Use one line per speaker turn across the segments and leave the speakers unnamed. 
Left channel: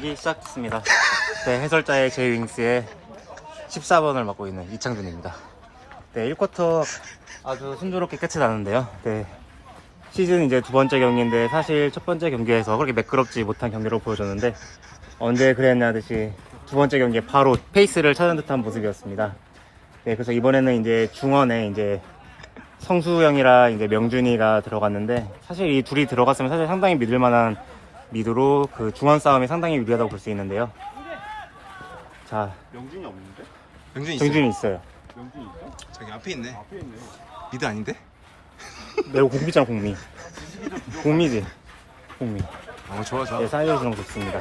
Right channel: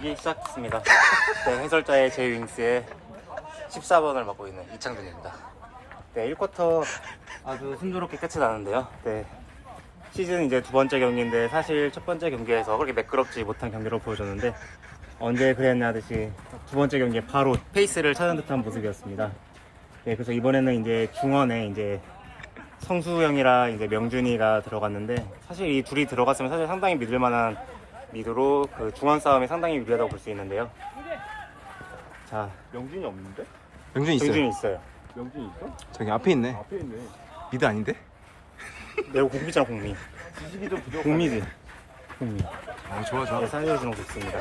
경기 시작했습니다. 네, 해설자의 제이윙스의 14번을 맡고 있는 이창준입니다. 네, 1쿼터 아주 순조롭게 끝이 났는데요. 네, 시즌 이제 두 번째 경기인데 사실 첫 번째 경기에서 그렇게 매끄럽지 못한 경기로 보여줬는데 언제 그랬냐 듯이 두 번째 경기에 바로 페이스를 찾은 듯한 모습이었습니다. 네, 그래서 이번에는 이제 중원에 이제 성수형이랑 이제 명준이가 들어갔는데 사실 이 둘이 들어갔으면 사실 상당히 믿을 만한 미드로 그 중원 싸움이 상당히 유리하다고 볼 수 있는데요. 자,
명준이 없는데?
명준이 있어요.
명준이 있어요.
명준이 있어?
저기 앞에 있네.
앞에 있네.
미드 아닌데?
내가 공미잖아, 공미. 공미지. 공미.
좋아 좋아.
네, 사이드 주는 거 좋습니다.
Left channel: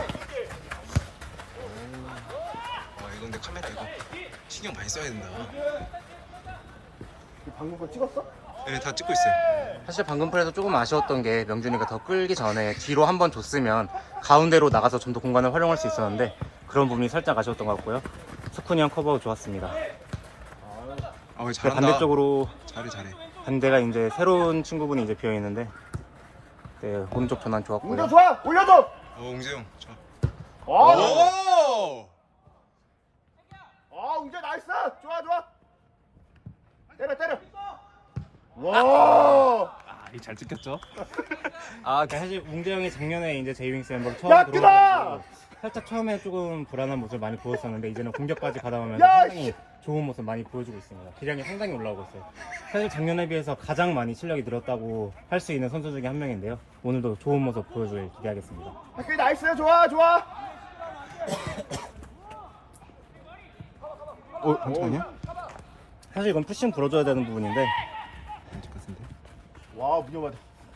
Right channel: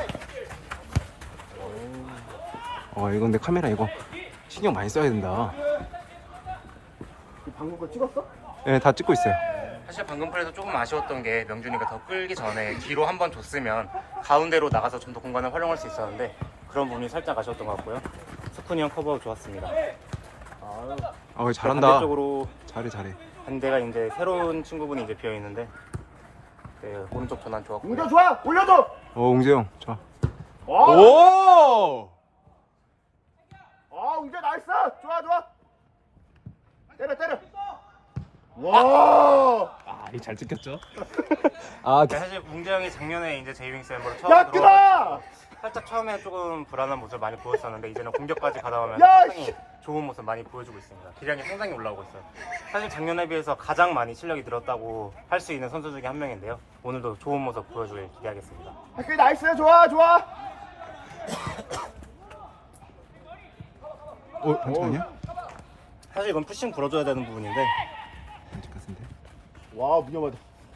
이거 근데 카메라 이거 신경 많이 써야 된다.
방금 거 찍었어?
네, 다 찍고 있어요.
사실 방금 플레이에서 조금 아쉬웠던 게 명준이가 더 끌기 전에 뒤로 한 번 줬으면 가운데로 나가서 좀 더 공간을 활용할 수 있었는데 그런 부분이 살짝 아쉬웠던 것 같고요. 스쿠니 형 커버 좋았습니다.
잘한다.
반대쪽으로
잘해.
반대가 이제 새로운 친구분이 이제 비어 있는데 네, 오른쪽 전환 좋았고요.
웅재 좋아! 올려줘!
웅재 형, 자.
오!
오!
웅재 나이스! 좋아! 때려! 와!
이거 잘 찍혔죠?
사실 웅재 형이 작년에 이제 제이윙스 멤버로 처음
야, 끄다!
살짝 처음에 조금 불안한 모습을 많이 보였었는데 이제는 공격까지 가다보면
야,
상당히 좋은 모습 많이 보여주고 있습니다. 기량이 상당히 올라오고 있어요. 사실 작년에 비해서 가장 많이 실력이 늘었다고 할 수 있는 선수 중에 한 명인데요. 오늘도 좋은 모습 보여주길 기대하겠습니다.
학교 나이스! 좋아!
잠깐만요.
사실 이건 푸싱 불어줘야 되는 부분인데
안 찍혔는데.
와, 위험하다.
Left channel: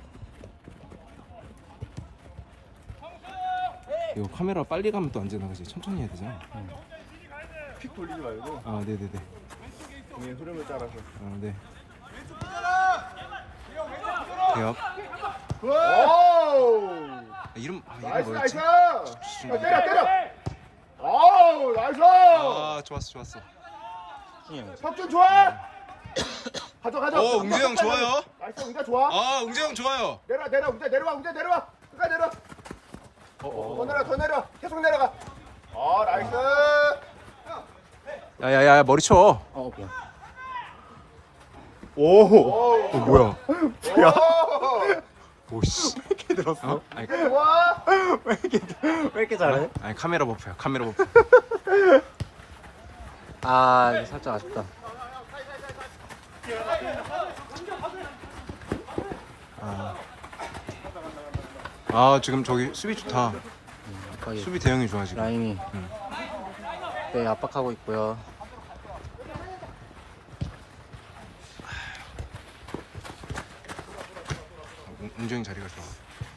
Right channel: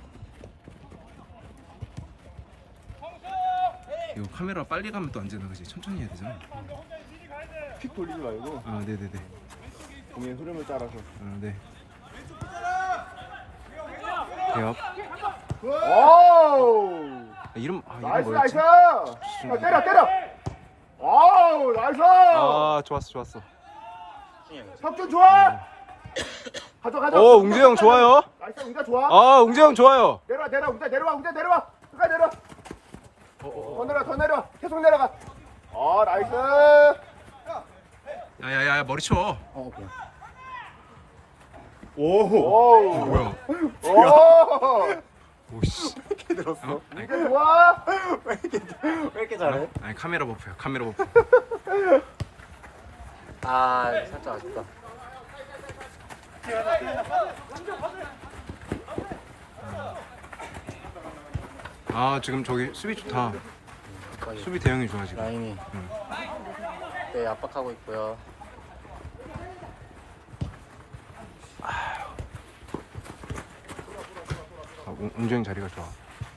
이거 카메라 빨리 가면 또 안 되나 그지? 천천히 해야 되잖아.
픽 돌리지 말고
네네네.
공의 흐름을 따라서.
네. 대업.
오!
이름
나이스!
뭐였지?
때려! 나이스!
좋았어.
석준 좋아! 가져.
웅재 형 좋아요.
나이스, 웅재 좋아.
웅재 형 좋아요.
내려와, 웅재 내려와. 끝까지 내려와. 더 내려. 계속 내려가. 나이스.
야야야 머리 쳐.
오케이.
오.
뭐야?
오.
오씨.
이렇게 들었어?
좋아.
왜 이렇게 잘해?
카메라 버프야. 카메라 버프.
이거 살짝 아쉽다.
지금 저기 수비 좋다. 수비 대형이 좋아 지금.
라인이 네, 압박하고 있고요.
웅재 형 자리가 좋아.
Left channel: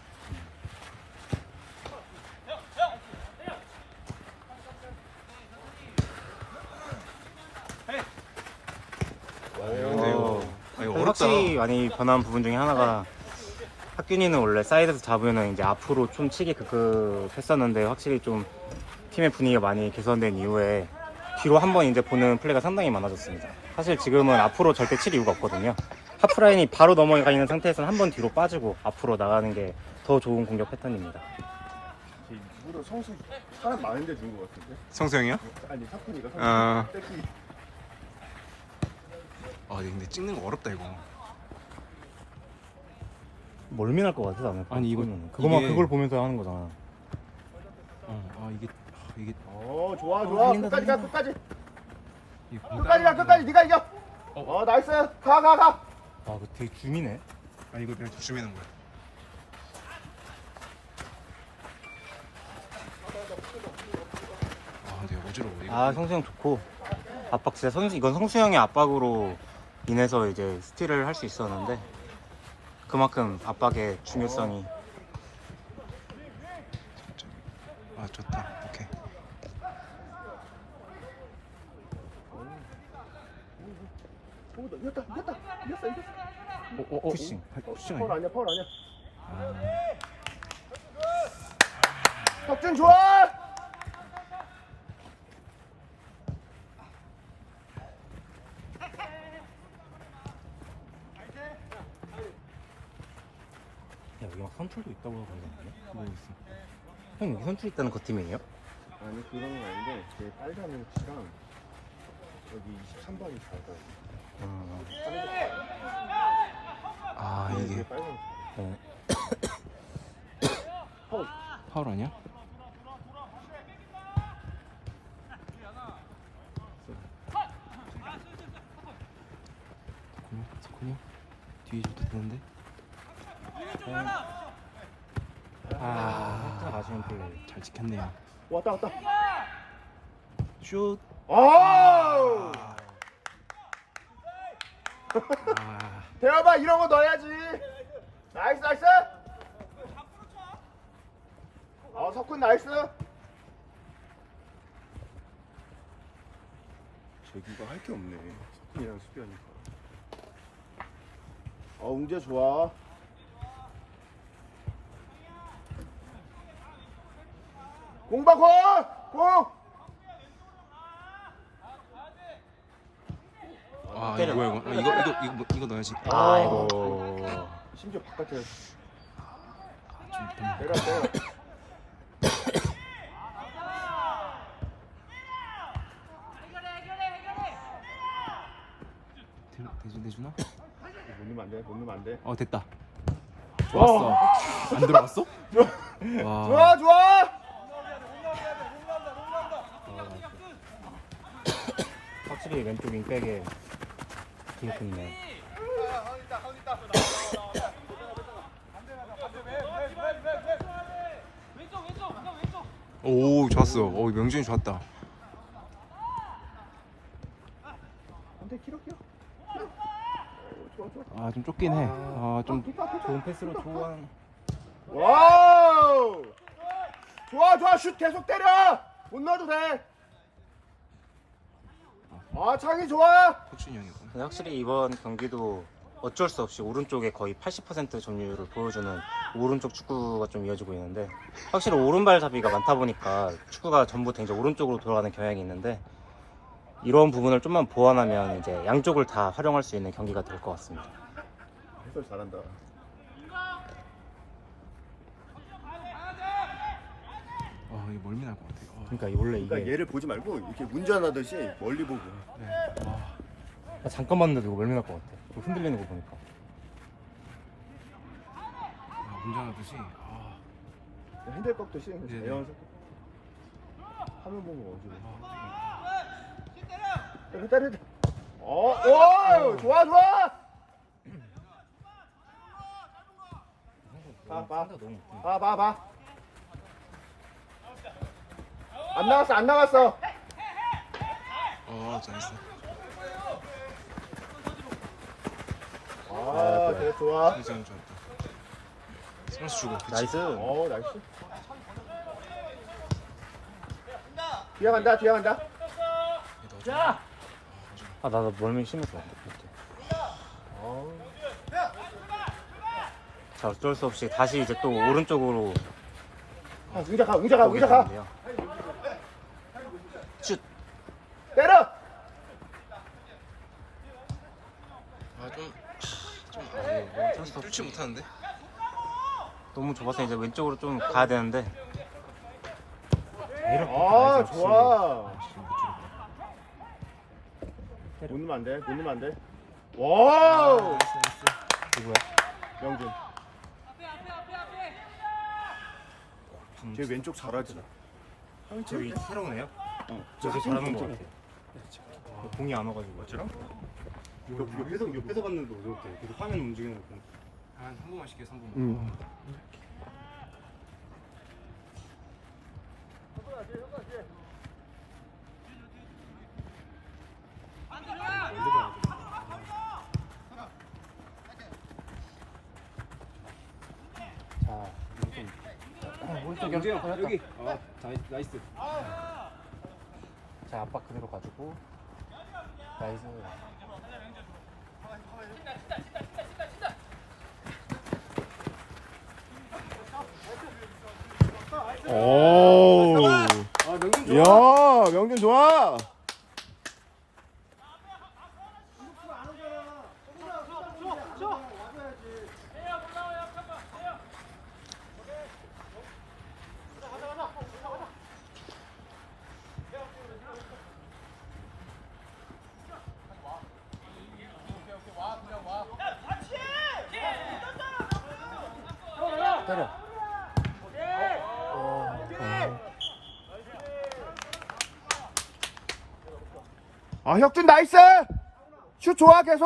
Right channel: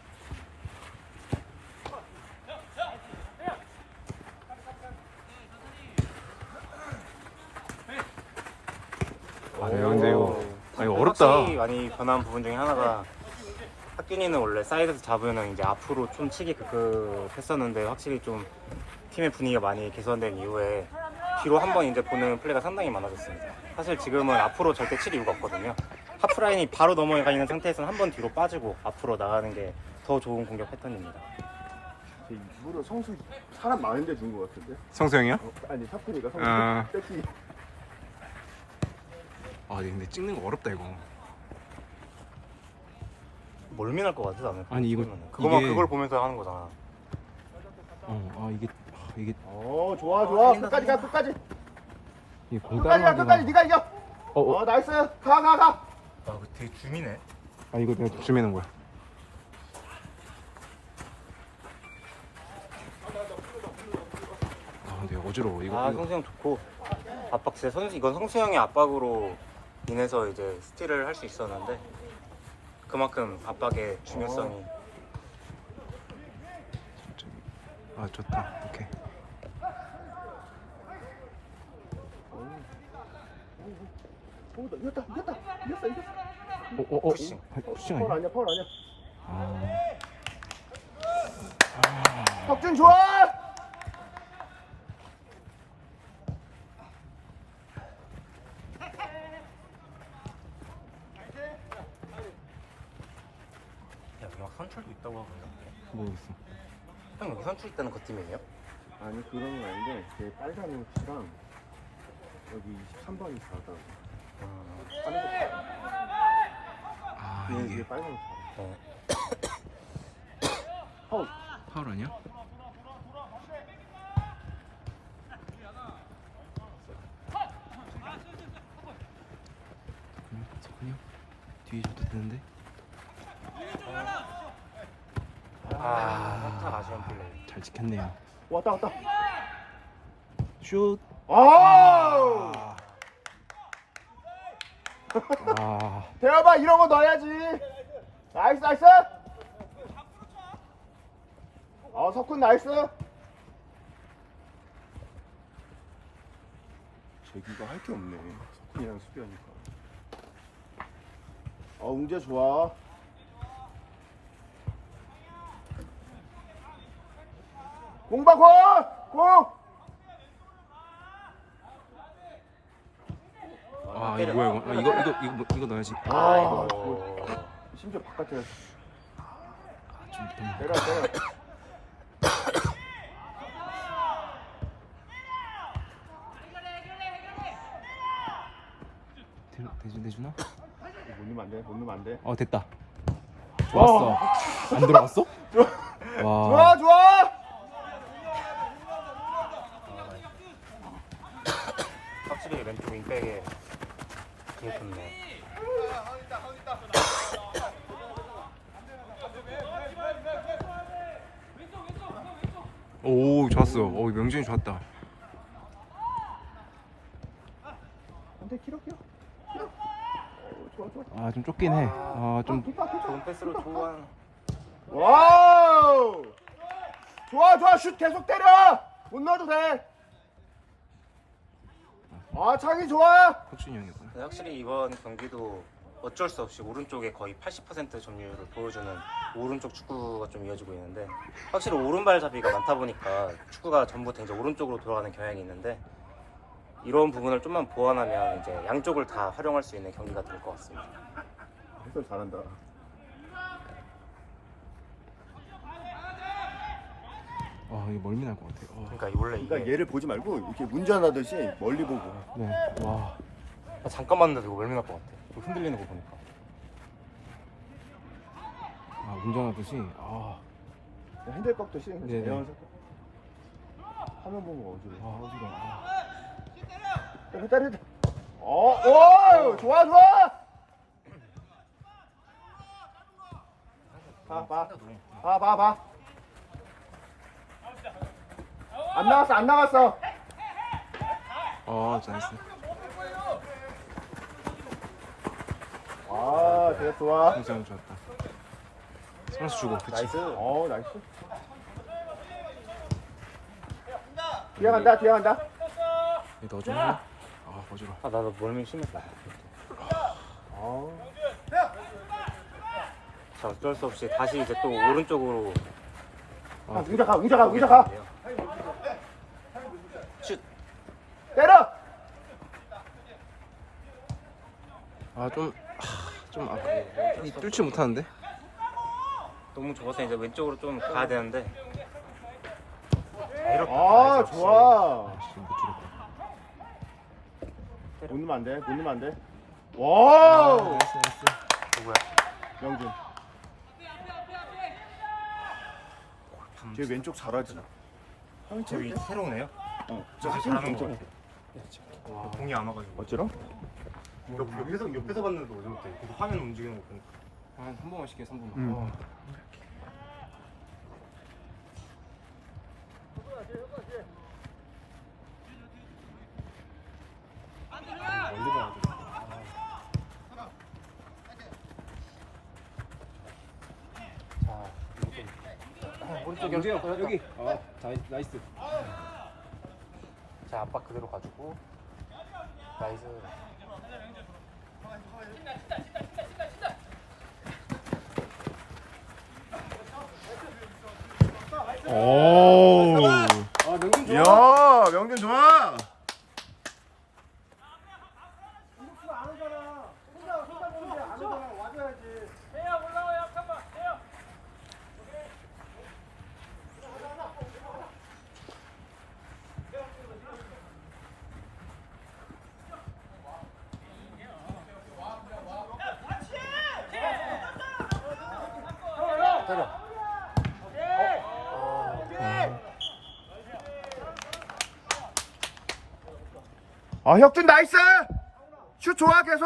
근데 이거 어렵다.
확실히 많이 변한 부분 중에 하나가 학균이는 원래 사이드에서 잡으면 이제 앞으로 총 치기 했었는데 확실히 좀 팀의 분위기가 많이 개선된 이후에 뒤로 한번 이제 보는 플레이가 상당히 많아졌습니다. 사실 지금은 앞으로 절대 칠 이유가 없거든요. 하프라인이 바로 넘어가 있는 상태에서는 한 번 뒤로 빠지고 앞으로 나가는 게 더 좋은 공격 패턴입니다.
일부러 성수 사람 많은데 준 것 같은데?
성수 형이요?
아니, 사쿠니가 성수.
근데 찍는 거 어렵다 이거.
멀미날 것 같아 나는.
아니, 이거 이게
그걸 보면서 하는 거잖아.
이게
좋아. 끝까지 가.
이게
끝까지. 네가 이겨. 나이스. 가.
그 되게 줌이네.
이거 내가 주매는 거야. 근데 어지러워 이거.
성수형 좋고 압박 진짜 이건 성수형의 압박으로 인해서 이제 스틸을 할 수 있었는데 그만큼 압박의 중요성이
좋다. 오케이.
이겼다.
푸싱. 푸싱
파울
아니야?
아니야. 석준 좋아.
선출도 있다고 하고 있는데
모르겠어.
형 여기 선출 깡투리 뜨는 그 팀이에요?
아니 그런 건 아닌데 제 빨간 옷이랑 여기 23번이 다르더라고.
아
이게
이게
빨간 옷.
네.
파울.
파울 아니야? 석훈이 형 뒤에 줘도 되는데.
아쉬운 플레이.
잘 지켰네요.
왔다.
슛.
아우.
아
대화봐 이런 거 넣어야지. 나이스. 석훈 나이스. 재규가 할 게 없네. 석훈이랑 수비하니까. 웅재 좋아. 공박호 공.
아 이거 뭐야 이거? 이거 넣어야지.
아,
이거.
심지어 바깥에
좀
때려.
대주나?
못 넣으면 안 돼.
어 됐다. 좋았어. 안 들어갔어? 와.
좋아.
확실히 왼쪽 윙백에 기억했네요.
오 좋았어. 오 명준이 좋았다.
안돼 길어. 좋아.
아 좀 쫓긴 해. 아좀
좋은 패스로 초반.
와우. 좋아. 슛 계속 때려. 못 넣어도 돼. 창이 좋아.
혁준이 형이구나.
근데 확실히 이번 경기도 어쩔 수 없이 오른쪽에 거의 80% 점유율을 보여주는 오른쪽 축구가 좀 이어지고 있는데, 확실히 오른발 잡이가 많다 보니까 축구가 전부 다 이제 오른쪽으로 돌아가는 경향이 있는데, 이런 부분을 좀만 보완하면 이제 양쪽을 다 활용할 수 있는 경기가 될 것 같습니다.
해설 잘한다.
이거 멀미 날 것 같아.
그러니까 원래
그러니까
이게
얘를 보지 말고 이렇게 운전하듯이 멀리 보고.
네. 와.
잠깐만 돼도 멀미 날 것 같아. 좀 흔들리는 거 보니까.
운전하듯이.
핸들박도 씌우면서
네네.
대형을 화면 보면 어지러워.
어지러워.
때려. 오, 좋아. 봐. 안 나갔어.
나이스.
되게 좋아.
선수 형 좋았다. 선수 주고. 그치.
나이스.
나이스. 뒤에 간다.
이거 넣어줘. 어지러워.
나도 멀미 심했다. 어쩔 수 없이 다시 이제 또 오른쪽으로.
웅자 가.
슛.
때려.
좀 뚫지 못하는데.
너무 좁아서 이제 왼쪽으로 좀 가야 되는데.
좋아.
지금 못 줄였다.
못 넣으면 안 돼. 와우.
나이스.
누구야?
명준. 쟤 왼쪽 잘하지.
저기 새로운 애요? 저기 잘하는 거 같아. 공이 안 와가지고.
어쩌라?
옆에서 봤는데 어제 못해. 계속 화면 움직이는 거 보니까.
한 번만 시켜 3분만.
경재 형 여기. 나이스.
자, 압박 그대로 가지고. 나이스.
오.
명준 좋아.
야, 명준 좋아. 혁준 나이스. 슛 좋아 계속.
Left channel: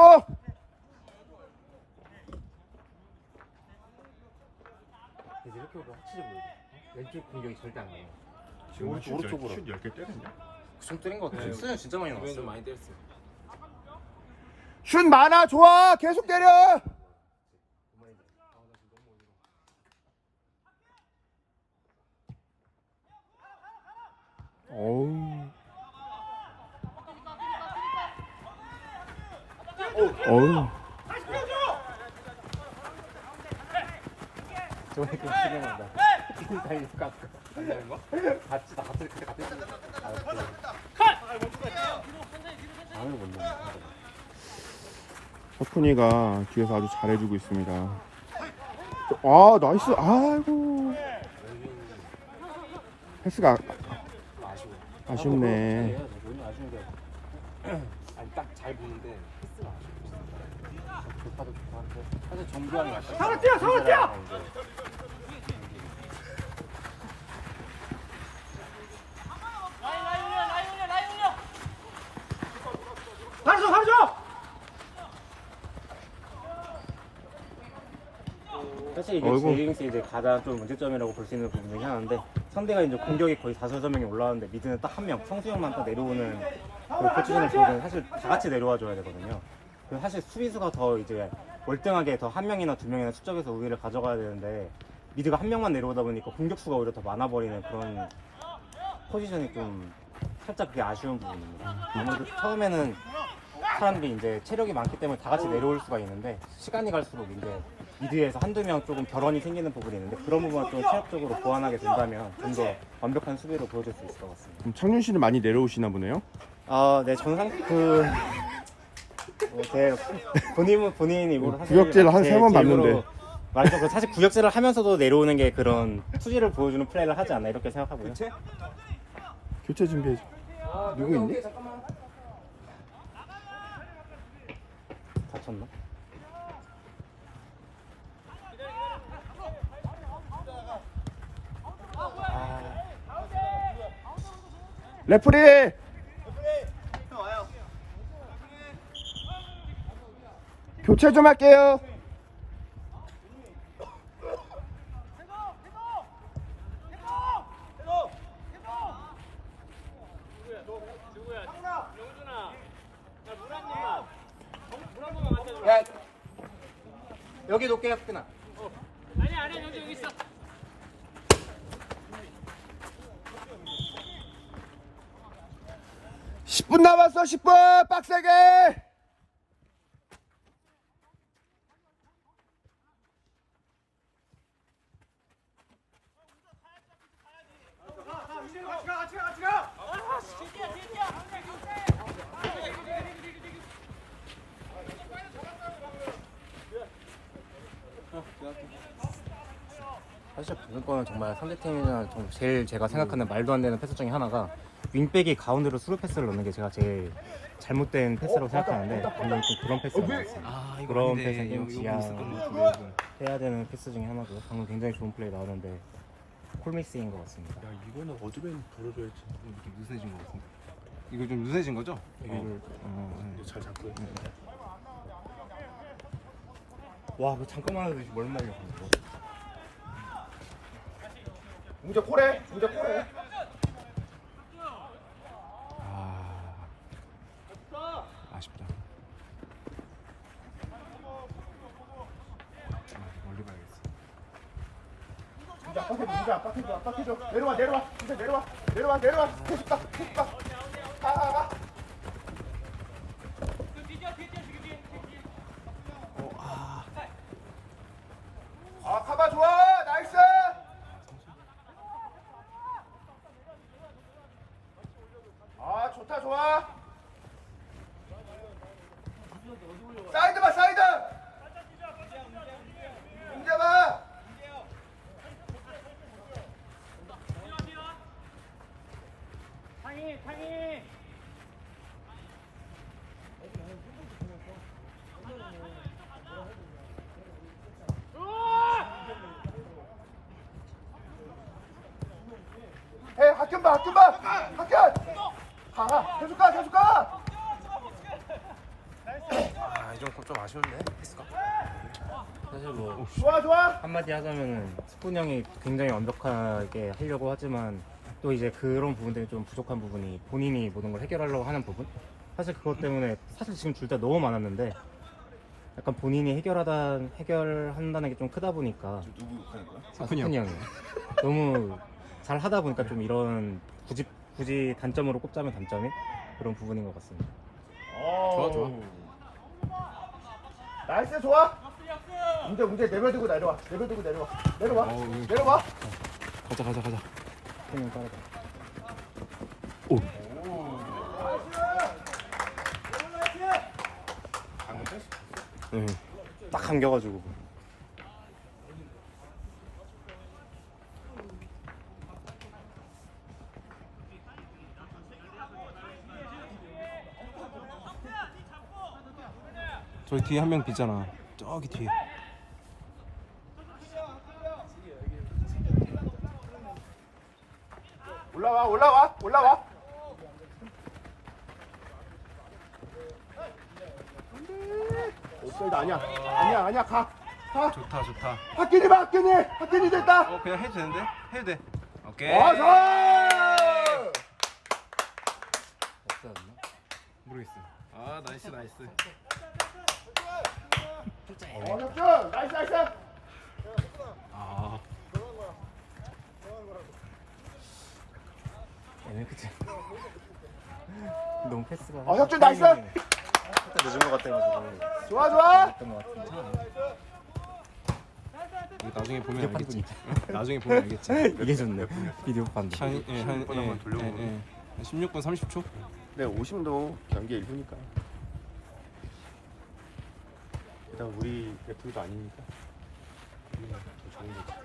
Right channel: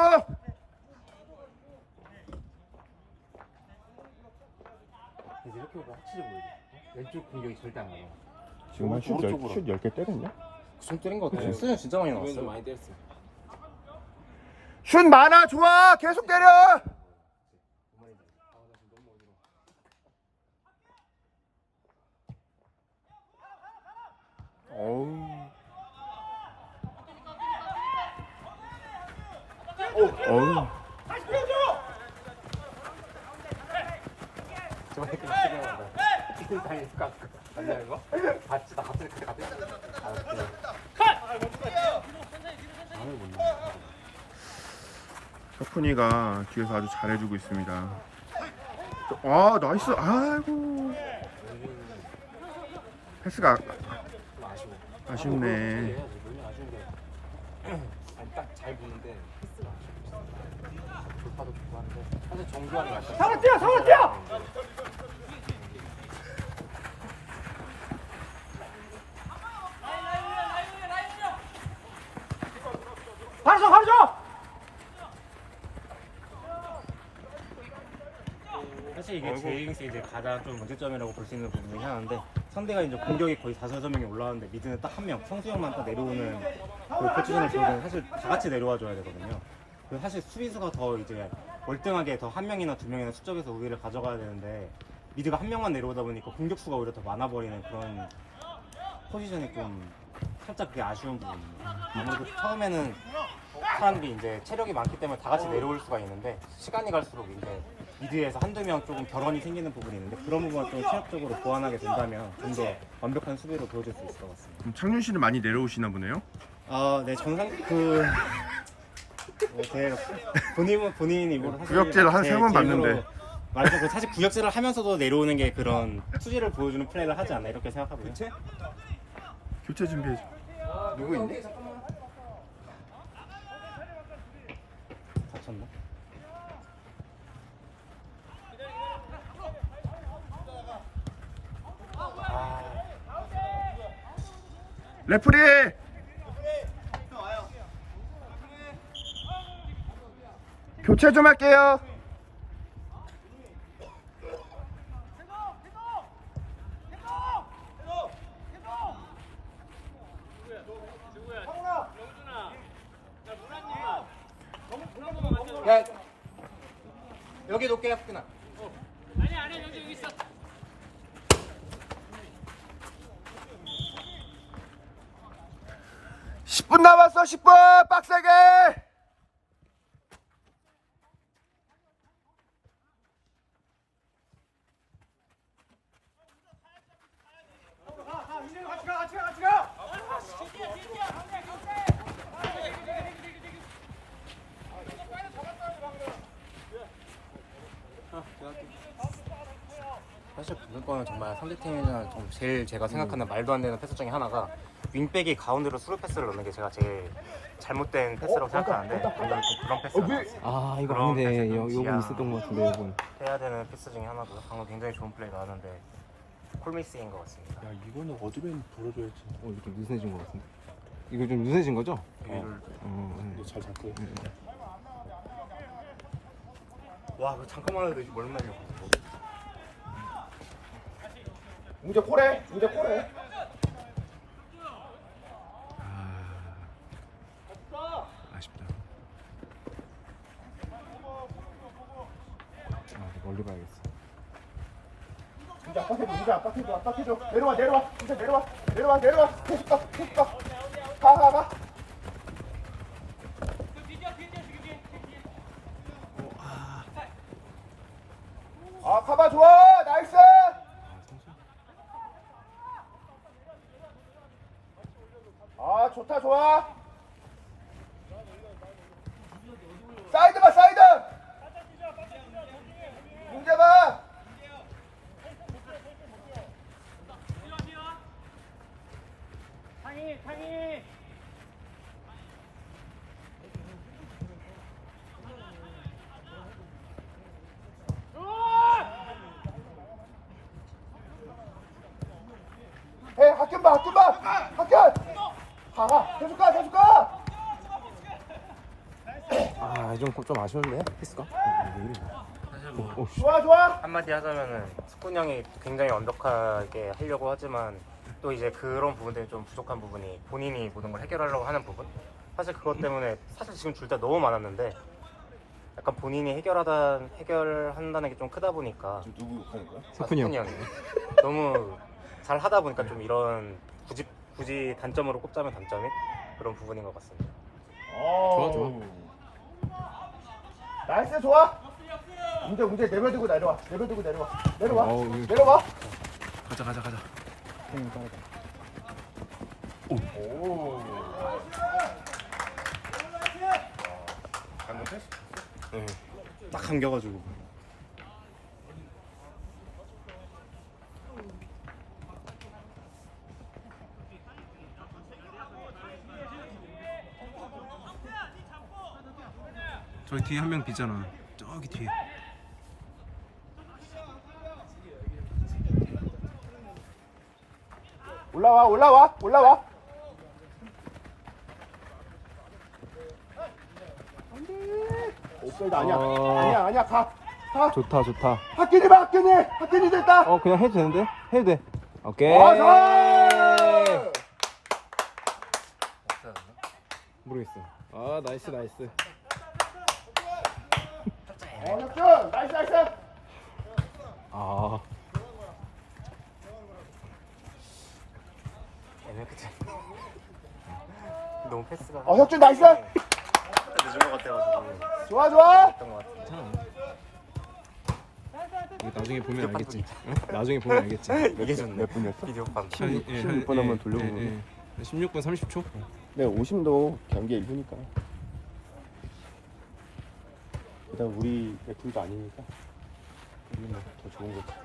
이제 이렇게 보면 확실히 보이죠. 왼쪽 공격이 절대 안 나와요.
지금 슛
오른쪽으로.
10개 때렸냐?
좀 때린 것 같아요. 수는 진짜 많이
왼쪽
나왔어요.
많이 때렸어요.
슛 많아 좋아 계속 때려. 어우. 어우. 석훈이가 뒤에서 아주 잘해주고 있습니다. 아 나이스. 아이고. 패스가 아쉽네.
딱잘 보는데.
상원 뛰어 상원 뛰어. 가르쳐.
사실 이게
어이구.
제이링스 이제 가장 좀 문제점이라고 볼 수 있는 부분 중에 하나인데 상대가 이제 공격이 거의 4~5명이 올라오는데 미드는 딱 한 명, 성수형만 딱 내려오는 그 포지션을 보면 사실 다 같이 내려와 줘야 되거든요. 그래서 사실 수비수가 더 이제 월등하게 더 한 명이나 두 명이나 수적에서 우위를 가져가야 되는데 미드가 한 명만 내려오다 보니까 공격수가 오히려 더 많아 버리는 그런 포지션이 좀 살짝 그게 아쉬운 부분입니다. 아무래도 처음에는 사람들이 이제 체력이 많기 때문에 다 같이 내려올 수가 있는데 시간이 갈수록 이제 미드에서 한두 명 조금 결혼이 생기는 부분이 있는데 그런 부분을 좀 체력적으로 보완하게 된다면 좀 더 완벽한 수비로 보여줄 수 있을 것 같습니다.
창준 씨는 많이 내려오시나 보네요.
네, 저는 제 본인이 뭐 사실
구역질 한
제
세번
기획으로
봤는데.
말하자면 그 사실 구역질을 하면서도 내려오는 게 그런 투지를 보여주는 플레이를 하지 않나 이렇게 생각하고요.
교체 준비해. 누구 있니?
다쳤나?
레프리. 교체 좀 할게요.
야, 여기 놓게 혁근아.
아니 여기 있어.
10분 남았어. 10분 빡세게. 같이 가.
사실 보는 거는 정말 상대팀이나 좀 제일 제가 생각하는 말도 안 되는 패스 중에 하나가 윙백이 가운데로 스루 패스를 넣는 게 제가 제일 잘못된 패스라고 생각하는데 저는 그런 패스를 넣었어요.
아 이거
그런
아닌데
패스 좀
요거 있었던 것 같은데 요거.
해야 되는 패스 중에 하나고요. 방금 굉장히 좋은 플레이 나왔는데 콜미스인 것 같습니다.
야 이거는 어드벤 돌아줘야지.
이거 좀 느슨해진 것 같은데. 이거 좀 느슨해진 거죠?
이거를
잘 잡고.
와, 그 잠깐만 해도 멀나요?
웅재 코레.
아쉽다. 멀리 봐야겠어.
웅재 압박해줘. 내려와. 웅재 내려와. 계속 가. 가. 카바 좋아. 나이스. 좋아. 사이드 봐. 웅재 봐.
상이.
학균 봐. 학균. 가. 계속 가.
좀 아쉬운데 패스가.
사실 뭐
좋아 좋아.
한마디 하자면은 스푼 형이 굉장히 완벽하게 하려고 하지만 또 이제 그런 부분들이 좀 부족한 부분이 본인이 모든 걸 해결하려고 하는 부분. 사실 그것 때문에 사실 지금 둘 다 너무 많았는데 약간 본인이 해결한다는 게 좀 크다 보니까
누구 하는 거야?
스푼이 형.
형이 너무 잘 하다 보니까 좀 이런 굳이 단점으로 꼽자면 단점이 그런 부분인 것 같습니다.
좋아.
나이스 좋아. 문제 내버리고 내려와. 내려와.
어우, 이거-
내려와.
가자.
형이 빠르다.
방금 패스.
네.
딱 감겨가지고.
저기 뒤에 한 명 비잖아. 저기 뒤에.
올라와. 옵사이드 아니야. 아니야. 가.
좋다.
학균이 됐다.
그냥 해도 되는데? 해도 돼. 오케이.
좋아.
모르겠어. 아 나이스.
혁준 나이스.
아
그치. 너무 패스가.
혁준 나이스.
늦은 것 같아가지고.
좋아.
이거 나중에 보면 알겠지. 응? 나중에 보면 알겠지.
이게 좋네. 비디오 판.
한
16분 한번 돌려보고.
16분 30초.
네, 50도 경기 1부니까. 일단 우리 팀도 아니니까. 더 좋은 거지.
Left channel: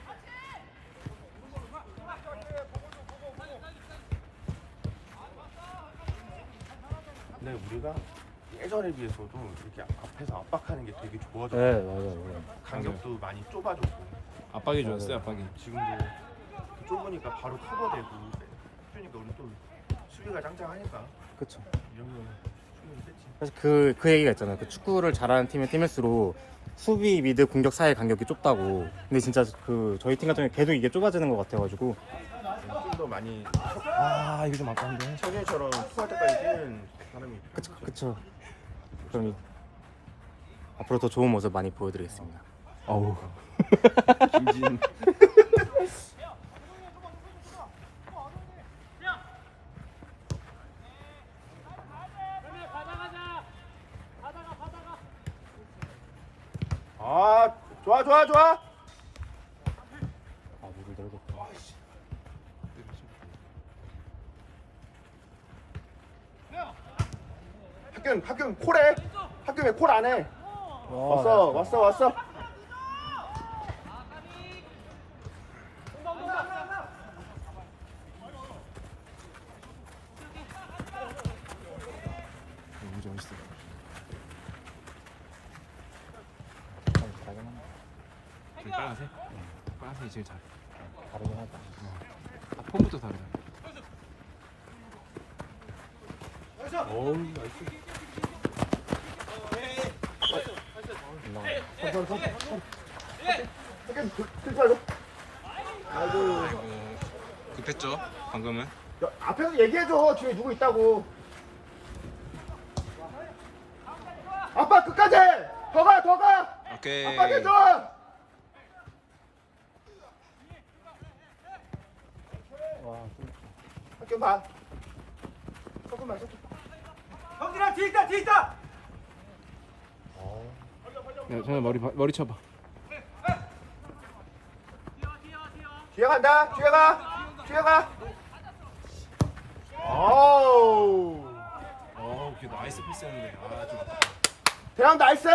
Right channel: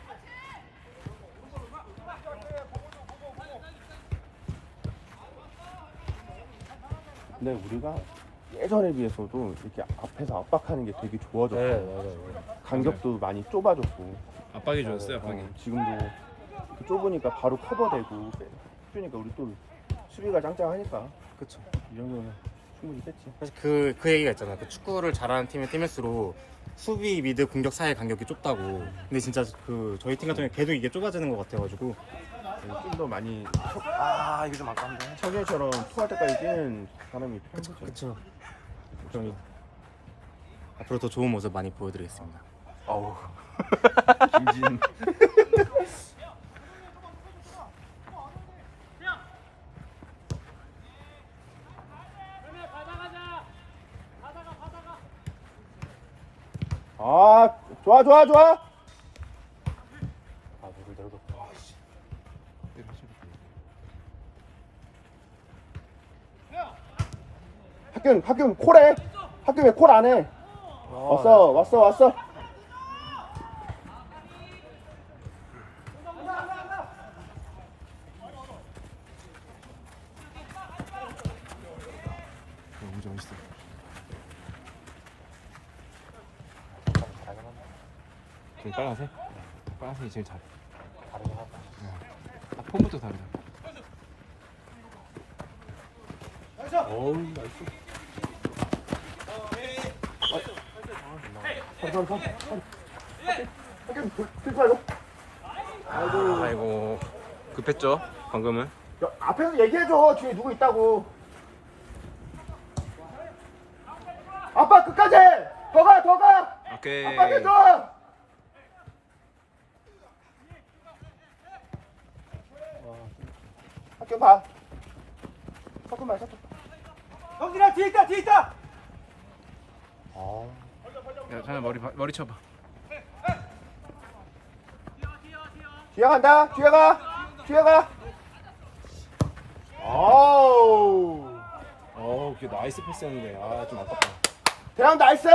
근데 우리가 예전에 비해서도 이렇게 앞에서 압박하는 게 되게 좋아졌고
맞아요.
간격도 많이 좁아졌고
압박이 좋았어요. 압박이.
지금도 좁으니까 바로 커버되고 그러니까 우리 또 수비가 짱짱하니까
그쵸.
이 정도면 충분히 됐지.
그래서 그 얘기가 있잖아요. 그 축구를 잘하는 팀일수록 수비, 미드, 공격 사이의 간격이 좁다고. 근데 진짜 그 저희 팀 같은 경우에 계속 이게 좁아지는 것 같아가지고.
좀 더 많이
이거 좀 아까운데.
석현처럼 투할 때까지 뛰는 사람이
그쵸.
필요하죠.
그쵸. 그럼 앞으로 더 좋은 모습 많이 보여드리겠습니다.
아우.
김진 아 좋아. 학균 콜해. 학균 왜 콜 안 해? 왔어.
너무 멋있어. 저기 빨간색? 빨간색이 제일 잘해. 폼부터 다르다.
어우 나이스. 학균 필살로.
아이고 급했죠 방금은.
야, 앞에서 얘기해줘. 뒤에 누구 있다고. 아빠 끝까지. 더 가.
오케이.
아빠 해줘. 학균 봐. 학균 봐. 형들아 뒤에 있다.
야, 저는 머리 쳐봐.
뒤에 간다. 뒤에 가. 어우.
그게 나이스 패스였는데 좀 아깝다.
대형 나이스.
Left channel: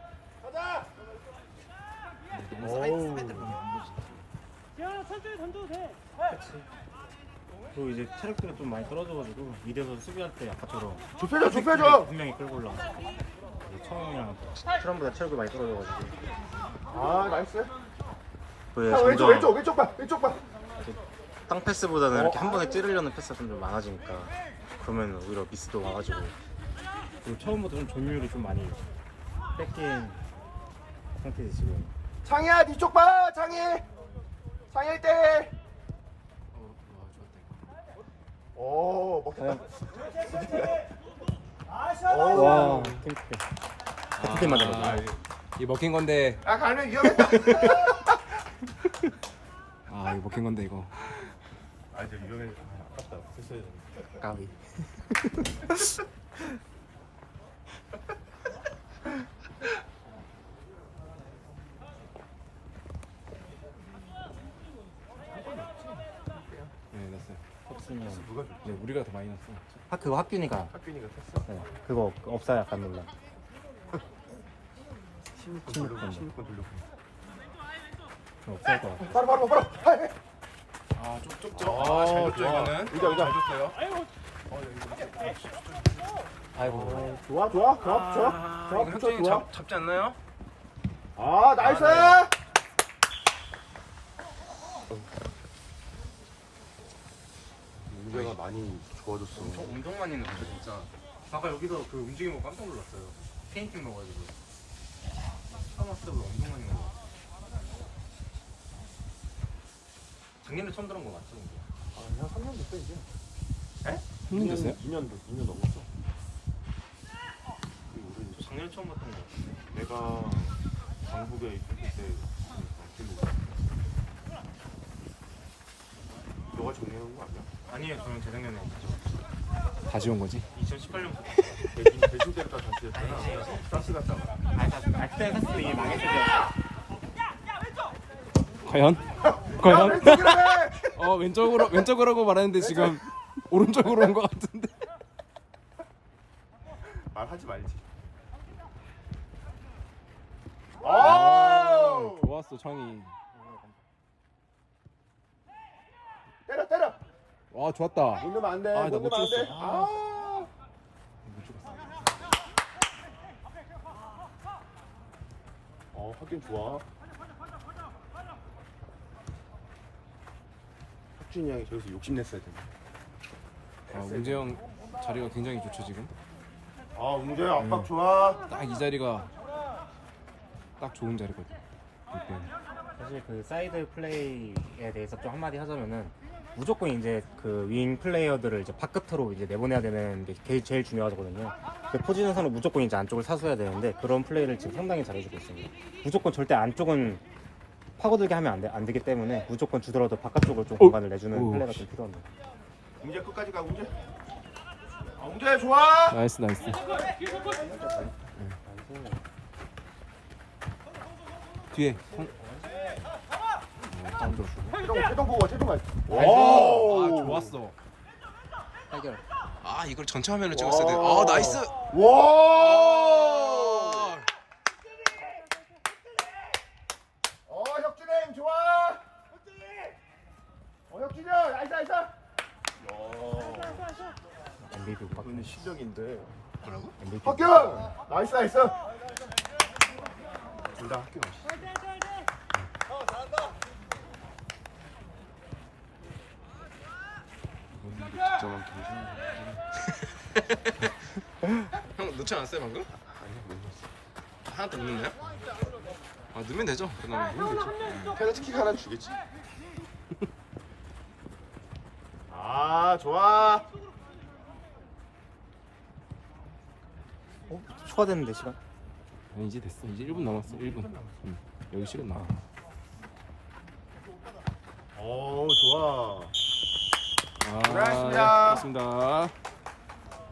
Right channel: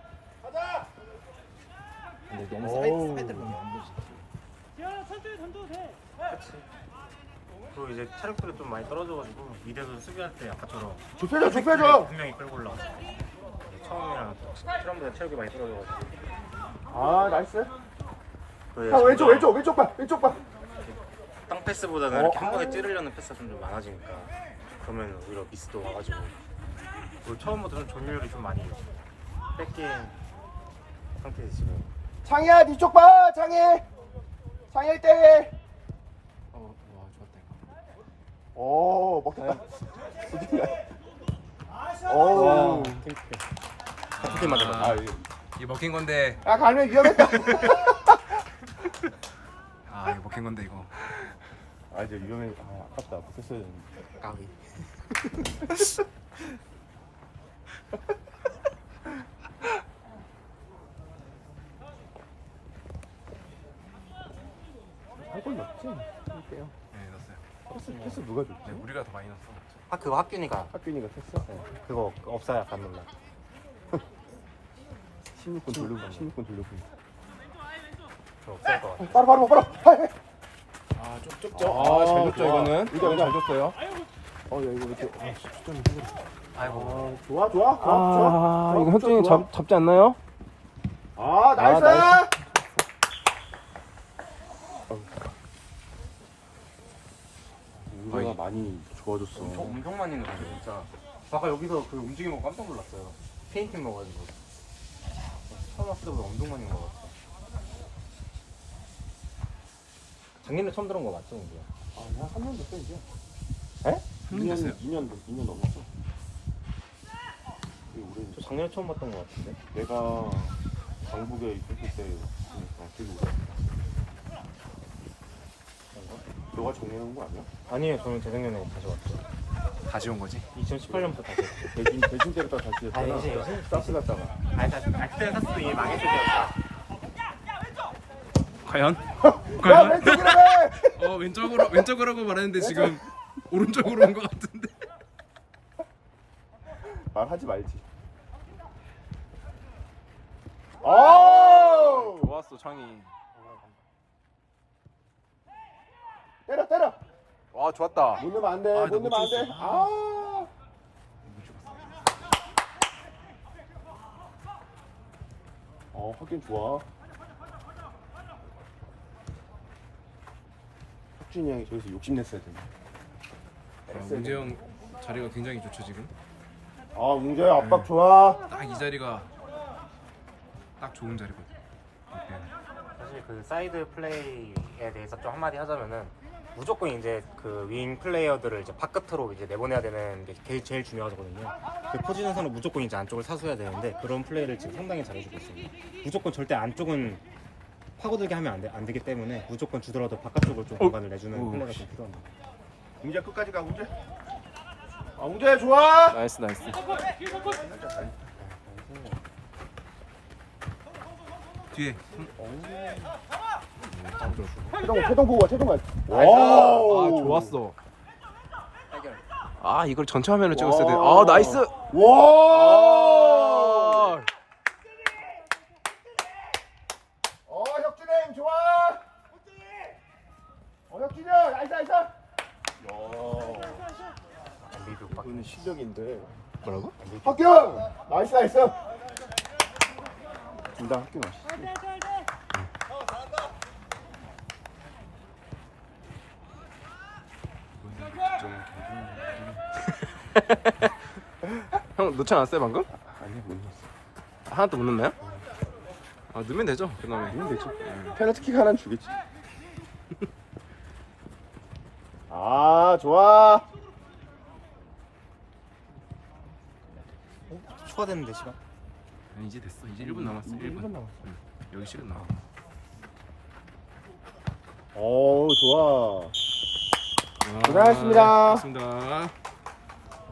근데 너무 사이드로 보면 안 보지.
지현아 천천히 던져도 돼.
그리고 이제 체력들이 좀 많이 떨어져가지고 미드에서 수비할 때 아까처럼
좁혀줘.
분명히 끌고 올라. 처음이랑 처음보다 체력이 많이 떨어져가지고.
아 나이스.
그
형 왼쪽 봐.
땅 패스보다는 이렇게 한 번에 찌르려는 패스가 좀 많아지니까 그러면 오히려 미스도 와가지고. 그리고 처음부터 좀 점유율이 좀 많이 게임 상태지 지금.
창희야 뒤쪽 봐 창희. 창희 1대1.
와 좋았다 이거.
오 먹혔다.
와. 같은 팀 맞아.
이게 먹힌 건데.
아 가면 위험했다.
아 이거 먹힌 건데 이거.
아 이제 위험해. 아깝다. 됐어요.
까비.
네 넣었어요.
패스 누가 줬지?
네, 우리가 더 많이 넣었어.
그거 학균이가.
학균이가 됐어.
네, 그거 없어요 약간 놈.
16분 돌려고. 16분 돌려고.
없을 거.
바로.
아좀 좁죠. 아잘 줬죠 이거는.
의자.
잘 줬어요.
야 이거 이렇게.
아이고.
좋아.
아 이거 혁준이 잡지 않나요?
아 나이스.
거의.
많이 좋아졌어.
엄청 많이 넣었어 진짜. 아까 여기서 그 움직임 보고 깜짝 놀랐어요. 페인팅 넣어가지고. 처음 왔을 때보다 엄청 많이 넣어. 작년에 처음 들은 거 맞죠?
한 3년 됐어 이제.
에?
3년 됐어요?
2년 넘었어.
저 작년에 처음 봤던 거 같은데.
내가 강북에 있을 때 너가 정해놓은 거 아니야?
아니에요, 저는 재작년에 가져왔죠.
다시 온 거지.
2018년부터.
대신 때부터 다시
아니
했잖아.
이제
가스 났잖아.
그때 샀으면 이게 망했을
과연?
야
과연?
왼쪽이라 해!
왼쪽으로라고 말했는데 지금 오른쪽으로 온 것 같은데.
말하지 말지. 오!
좋았어 창이.
때려.
와 좋았다.
못 넣으면 안 돼.
아,
못
나못
넣으면 안 돼.
줬어.
아. 하긴 좋아. 혁준이 형이 저기서 욕심냈어야 되네.
문재영 자리가 굉장히 좋죠 지금.
아, 문제야 압박 좋아.
딱 이 자리가 딱 좋은 자리거든.
사실 그 사이드 플레이에 대해서 좀 한마디 하자면은 무조건 이제 그 윙 플레이어들을 이제 바깥으로 이제 내보내야 되는 게 제일 중요하거든요. 그 포지션에서는 무조건 이제 안쪽을 사수해야 되는데 그런 플레이를 지금 상당히 잘해주고 있습니다. 무조건 절대 안쪽은 파고들게 하면 안 되기 때문에 무조건 주더라도 바깥쪽으로 좀 공간을 내주는 플레이가 좀 필요합니다.
문제 끝까지 가 문제. 아, 문제 좋아.
나이스. 뒤에.
최동 구워 최동 가.
아 좋았어. 아 이걸 전체 화면으로 찍었어야 돼. 아 나이스.
와. 혁준행 좋아. 혁준이 형 나이스. 야. 이거는 실력인데.
뭐라고?
학경 나이스. 둘다 학교.
형 넣지 않았어요 방금? 하나도 못 넣나요? 아 넣으면 되죠 그 다음에.
페널티킥 하나 주겠지. 아 좋아.
추가됐는데 시간?
이제 됐어. 이제 1분 남았어. 1분. 여기 시간 남아.
오 좋아.
아,
고생하셨습니다.
고맙습니다.